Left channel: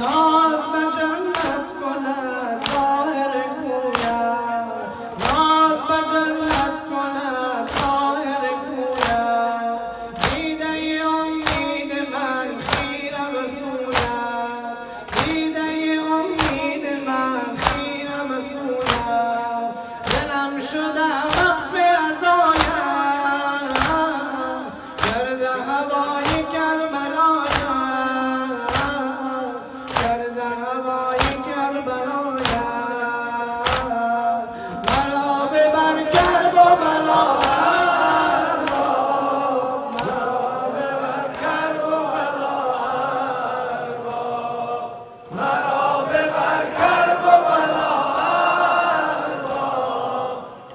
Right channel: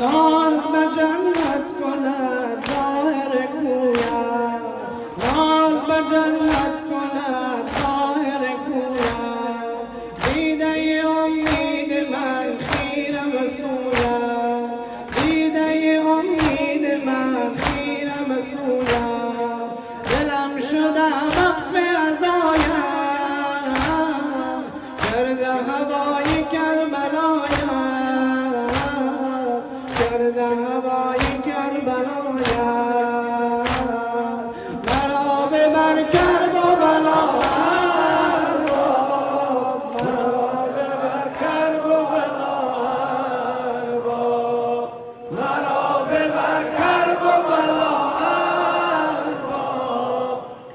ناز به جنت کند ظاهر گوید، ناز به جنت کند ظاهر گوید. دیده امید من خیره به سویت، دیده امید من خیره به سویت. دلم شده وقف عزایم، کرده هوای کربلایم، کرده هوای کربلایم. مرا ببر کرب و بلا، مرا ببر کرب و بلا، مرا ببر کرب و بلا،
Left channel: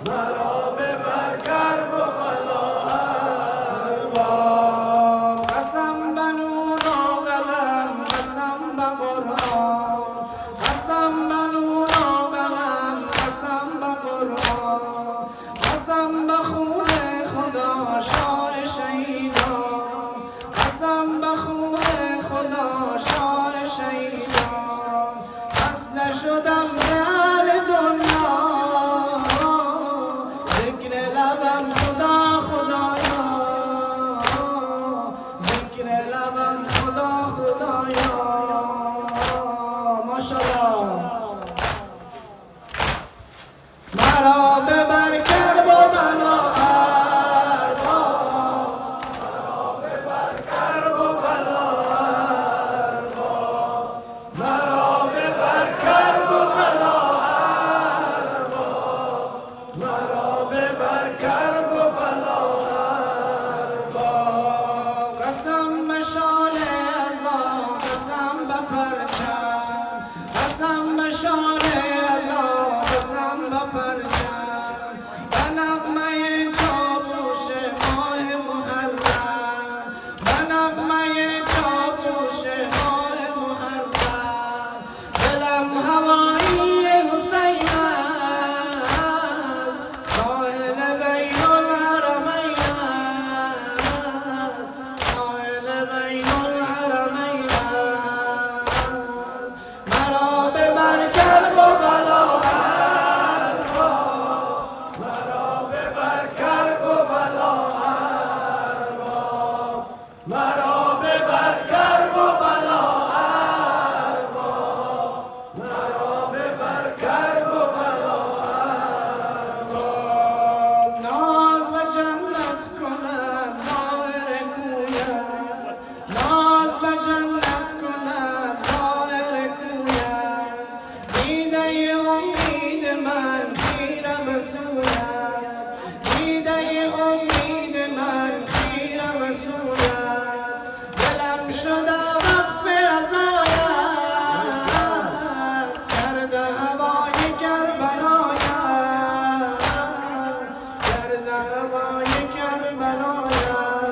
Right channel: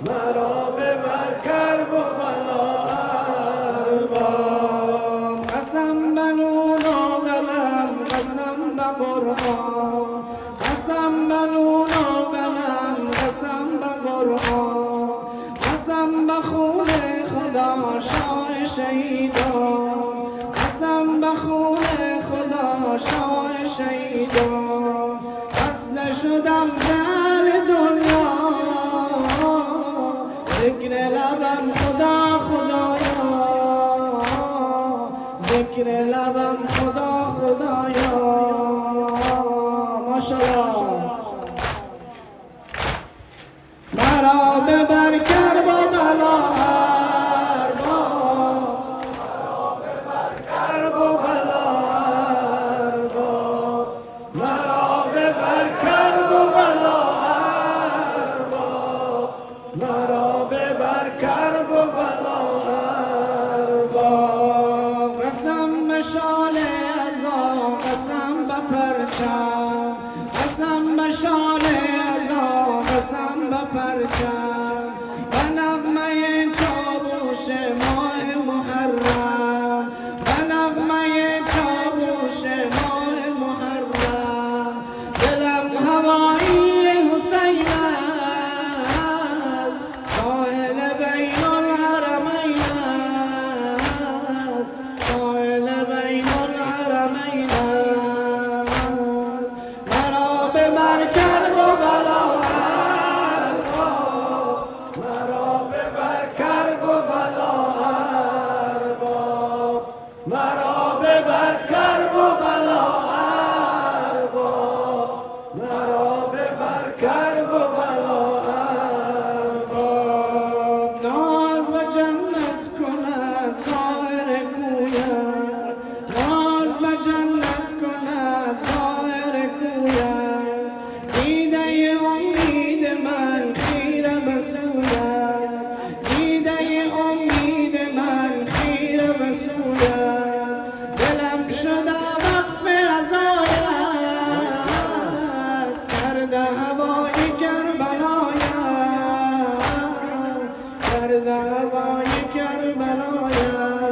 مرا ببر کرب و بلا. قسم به نور و قلم، قسم به قرآن، قسم به نور و قلم، قسم به قرآن، قسم به خون خدا شاه شهیدان، قسم به خون خدا شاه شهیدان. بس نشدم به اهل دنیا، ذکر لبم خدا خدایا، ذکر لبم خدا خدایا. ماشاءالله. مرا ببر کرب و بلا، کرب و بلا، مرا ببر کرب و بلا، مرا ببر کرب و بلا. قسم به شال عزا، قسم به پرچم، قسم به شال عزا، قسم به پرچم. به نغمه چاووش ماه محرم، به نغمه چاووش ماه محرم. دلم هوایی حسین است، ساحل بین الحرمین است، ساحل بین الحرمین است. مرا ببر کرب و بلا، مرا ببر کرب و بلا، مرا ببر کرب و بلا، مرا ببر کرب و بلا. ناز به جنت کند ظاهر گوید، ناز به جنت کند ظاهر گوید. دیده امید من خیره به سویت، دیده امید من خیره به سویت. دلم شده وقف عزایت، کرده هوای کربلایم، کرده هوای کربلایم.